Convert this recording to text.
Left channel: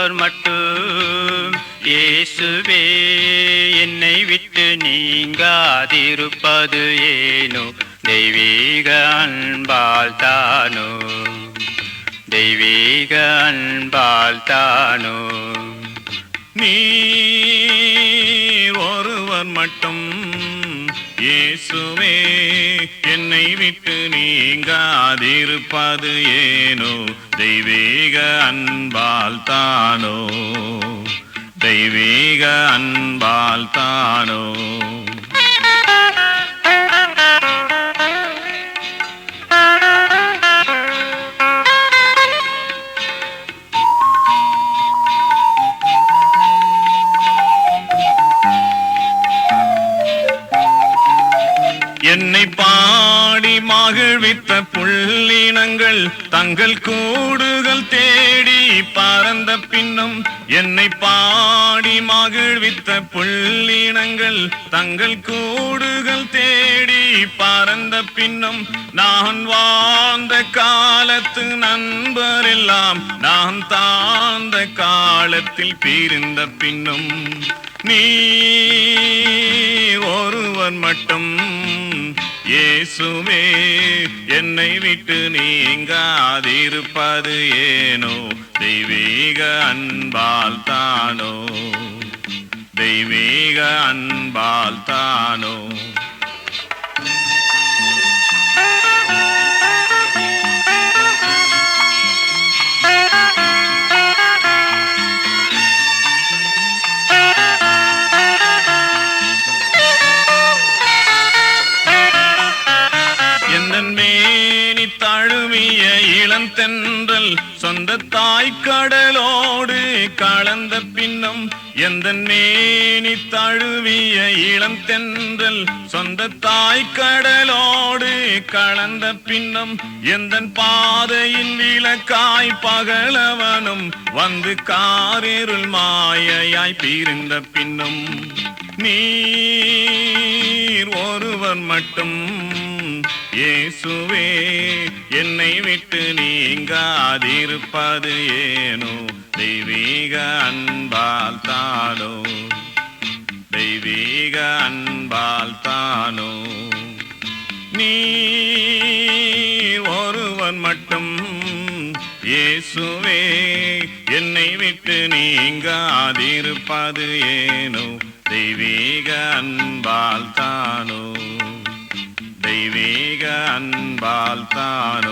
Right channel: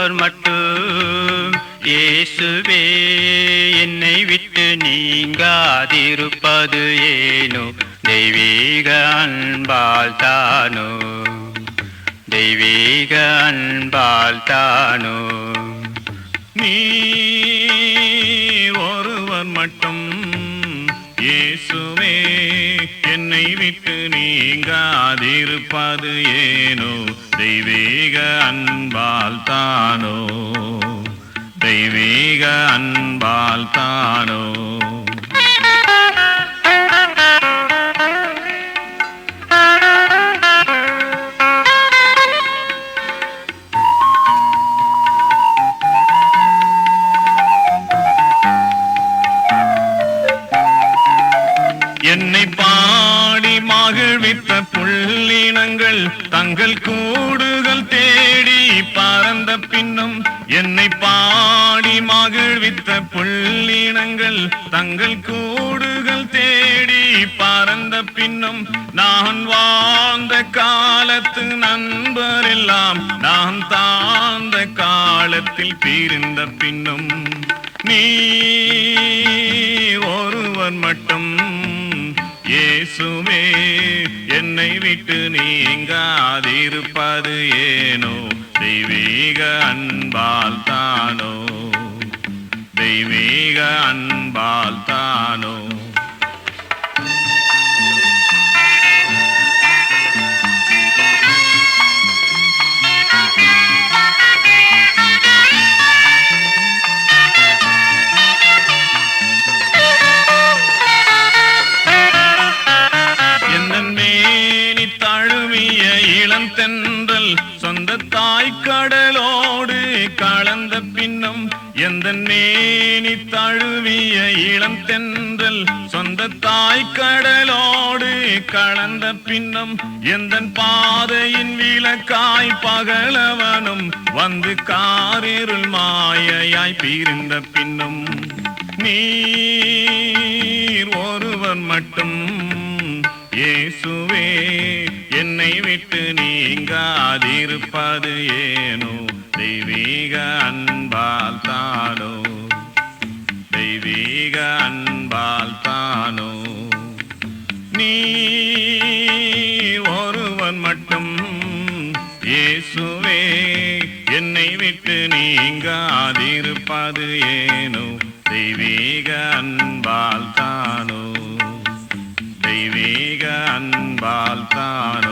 ஒருவர் மட்டும். இயேசுவே என்னை விட்டு நீங்காதிருப்பது ஏனோ? தெய்வீக அன்பால் தானோ? தெய்வீக அன்பால் தானோ? நீ ஒருவர் மட்டும். இயேசுவே என்னை விட்டு நீங்காதிருப்பது ஏனோ? தெய்வே தெய்வீக அன்பால் தானோ? தெய்வீக அன்பால் தானோ? என்னை பா பாடி மகிழ்வித்த புள்ளினங்கள் தங்கள் கூடுகள் தேடி பறந்த பின்னும் என்னை பாடி மகிழ்வித்த புள்ளினங்கள் தங்கள் கூடுகள் தேடி பறந்த பின்னும் நான் வாழ்ந்த காலத்து நண்பரெல்லாம் நான் தாழ்ந்த காலத்தில் பிரிந்த பின்னும் நீ ஒருவன் மட்டும் இயேசுமே என்னை விட்டு நீங்காதிருப்பது ஏனோ? தெய்வீக அன்பால் தானோ? தெய்வீக அன்பால் தானோ? தென்றல் சொந்த தாய் கடலோடு கலந்த பின்னம் எந்த நேனி தழுவிய இளம் தென்றல் சொந்த தாய் கடலோடு கலந்த பின்னம் எந்த பாதையின் விளக்காய் பகலவனும் வந்து காரிருள் மாயையாய் பிரிந்த பின்னும் நீர் ஒருவர் மட்டும் இயேசுவே என்னை விட்டு நீங்காதிருப்பது ஏனோ? தெய்வீக அன்பால் தானோ? தெய்வீக அன்பால் தானோ? நீ ஒருவன் மட்டும் இயேசுவே என்னை விட்டு நீங்காதிருப்பது ஏனோ? தெய்வீக அன்பால் தானோ? அன்பால் தானோ